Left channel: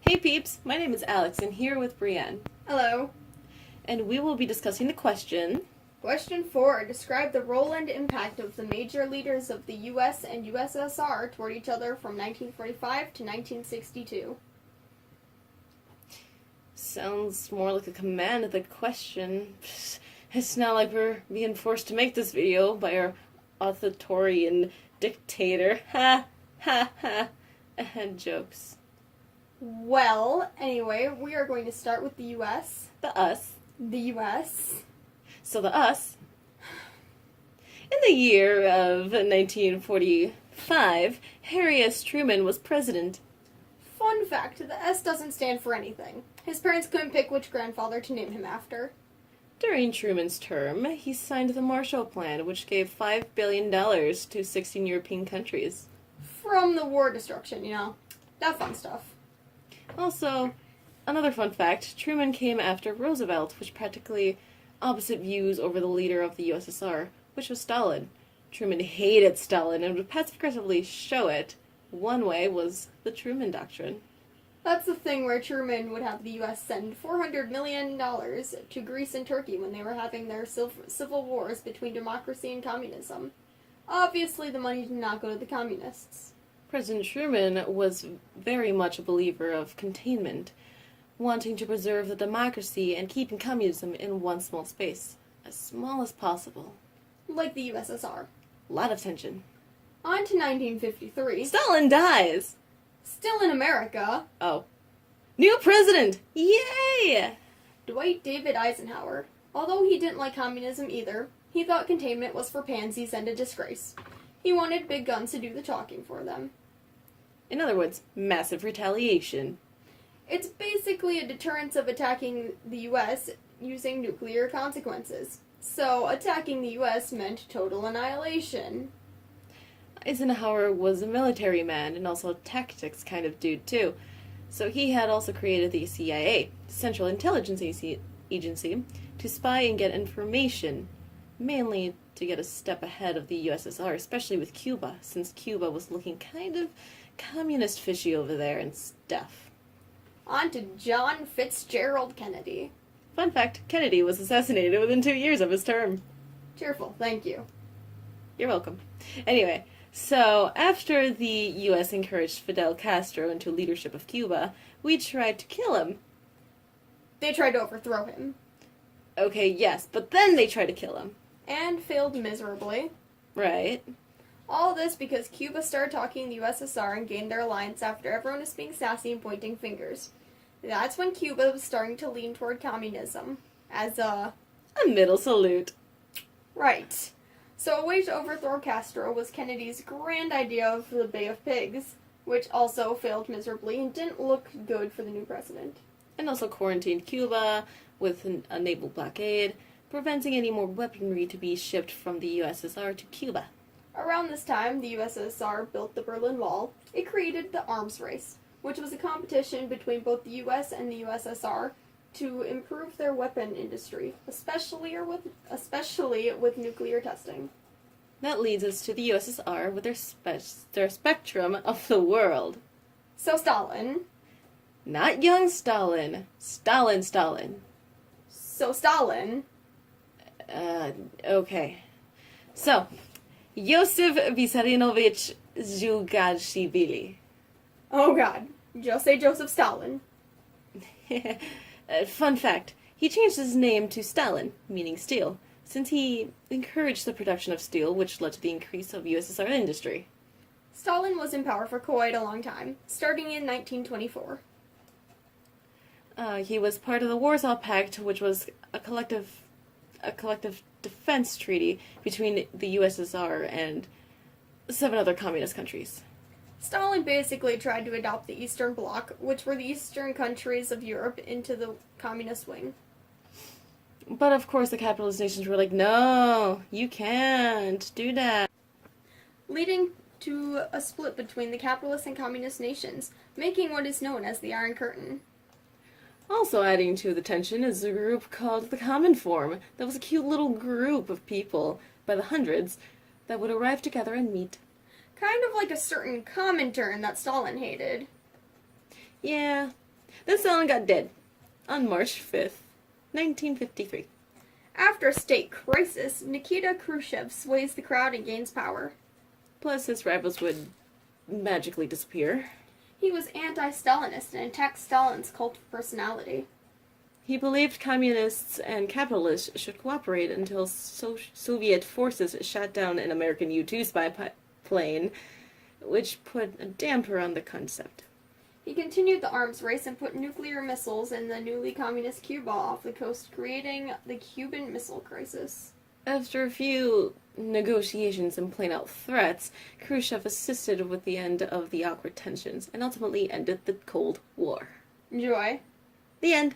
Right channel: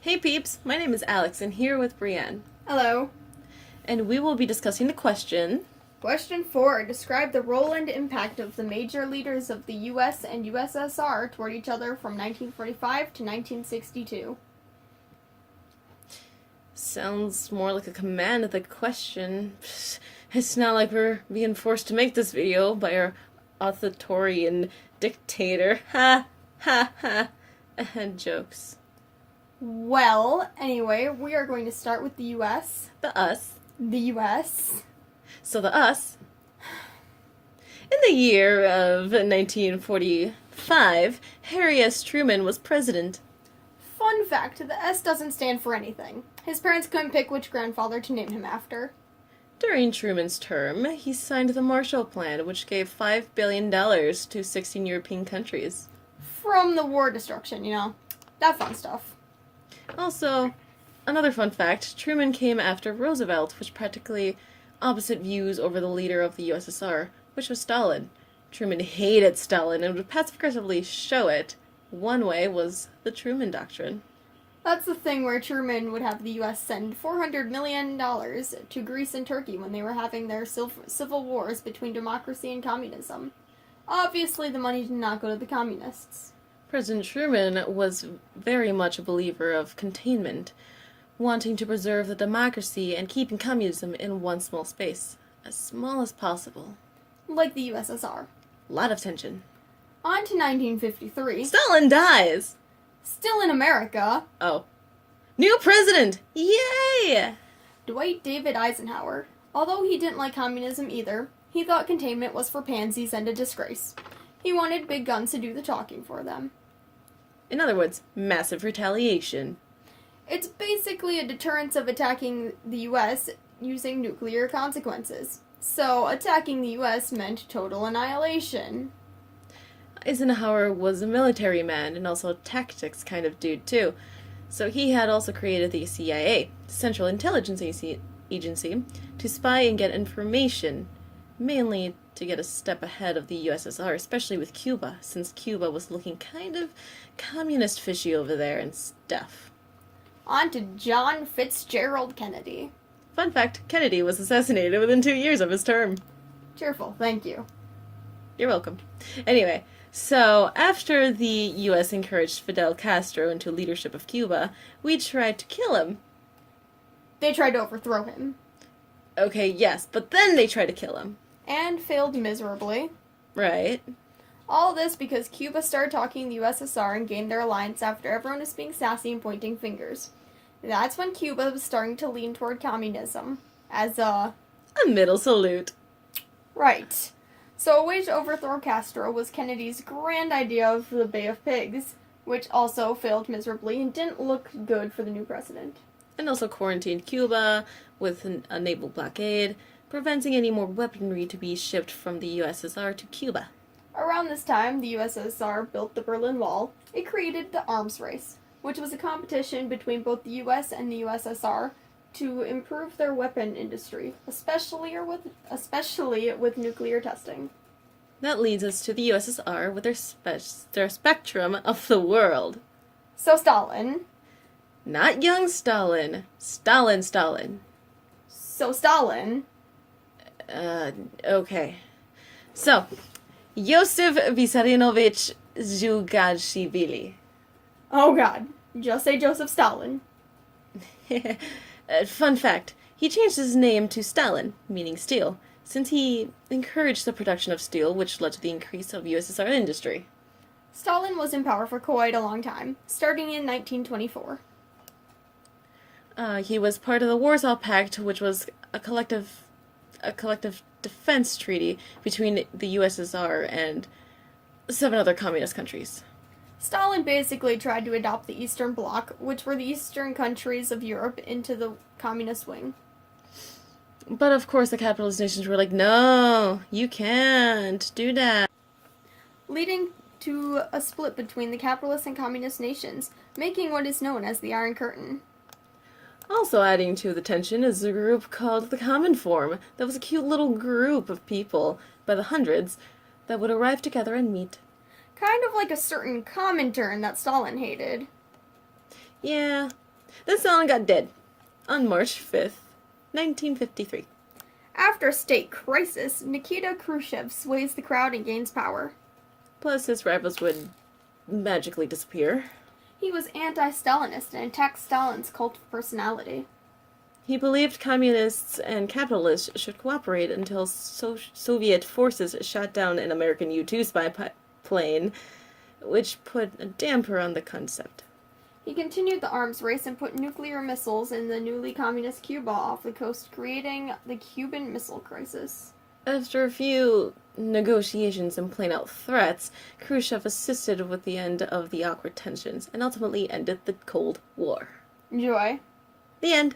Hey peeps, my name is Alex and here with Brienne. Hello. And we will be discussing the question... Question 4. Describe the role and impact of the major leaders of the US and USSR toward each other from 1945 to 1962. Sounds more like a command of the question. It's not like we're being forced to make this video by our authoritarian dictator. Ha, ha, ha. And jokes. Well, anyway, we are going to start with the US. The us. The US. So the us. In the year of 1945, Harry S. Truman was president. Fun fact, the S doesn't stand for anything. His parents couldn't pick which grandfather to name him after. During Truman's term, he signed the Marshall Plan, which gave $5 billion to 16 European countries. From the war destruction, that fun stuff. Also, another fun fact, Truman came after Roosevelt, which practically opposite views over the leader of the USSR, which was Stalin. Truman hated Stalin and would passive-aggressively show it. One way was the Truman Doctrine. That's the thing where Truman would have the U.S. send $400 million to Greece and Turkey when they were having their civil wars between democracy and communism. Obviously, the money did not go to the communists. President Truman was very much a believer of containment, wanting to preserve the democracy and keeping communism in one small space, as small as possible. Like the USSR. A lot of tension. On to 1953. Stalin dies! Still in America. Oh. New president! Yay! Dwight David Eisenhower. Although he didn't like communism either, he thought containment was for pansies and a disgrace. He wanted big guns to do the talking for them. In other words, massive retaliation. It's basically a deterrence of attacking the U.S. using nuclear consequences. So, attacking the U.S. meant total annihilation. Eisenhower was a military man and also a tactics kind of dude, too. So he had also created the CIA, Central Intelligence Agency, to spy and get information, mainly to get a step ahead of the USSR, especially with Cuba, since Cuba was looking kind of communist fishy over there and stuff. On to John Fitzgerald Kennedy. Fun fact, Kennedy was assassinated within 2 years of his term. Cheerful, thank you. You're welcome. Anyway, so after the U.S. encouraged Fidel Castro into leadership of Cuba, we tried to kill him. They tried to overthrow him. Okay, yes, but then they tried to kill him. And failed miserably. Right. All this because Cuba started talking the USSR and gained their alliance after everyone was being sassy and pointing fingers. That's when Cuba was starting to lean toward communism. As a middle salute. Right. So a way to overthrow Castro was Kennedy's grand idea of the Bay of Pigs, which also failed miserably and didn't look good for the new president. And also quarantined Cuba with a naval blockade, preventing any more weaponry to be shipped from the USSR to Cuba. Around this time, the USSR built the Berlin Wall. It created the arms race, which was a competition between both the US and the USSR to improve their weapon industry, especially with nuclear testing. That leads us to the USSR with their spectrum of the world. So Stalin. Not young Stalin. Stalin. So Stalin. Okay. So, Joseph Vissarionovich Zhugaishvili. Oh god. Just say Joseph Stalin. Fun fact, he changed his name to Stalin, meaning steel, since he encouraged the production of steel, which led to the increase of USSR industry. Stalin was in power for quite a long time, starting in 1924. He was part of the Warsaw Pact, which was a collective defense treaty between the USSR and 7 other communist countries. Stalin basically tried to adopt the Eastern Bloc, which were the eastern countries of Europe, into the communist wing. But of course the capitalist nations were like, no, you can't do that. Leading to a split between the capitalist and communist nations, making what is known as the Iron Curtain. Also adding to the tension is a group called the Cominform. That was a cute little group of people, by the hundreds, that would arrive together and meet. Kind of like a certain Comintern that Stalin hated. Yeah. Then Stalin got dead on March 5th, 1953. After a state crisis, Nikita Khrushchev sways the crowd and gains power. Plus, his rivals would magically disappear. He was anti-Stalinist and attacked Stalin's cult of personality. He believed communists and capitalists should cooperate until Soviet forces shot down an American U-2 spy plane, which put a damper on the concept. He continued the arms race and put nuclear missiles in the newly communist Cuba off the coast, creating the Cuban Missile Crisis. After a few negotiations and plain-out threats, Khrushchev assisted with the end of the awkward tensions and ultimately ended the Cold War. Enjoy. The end.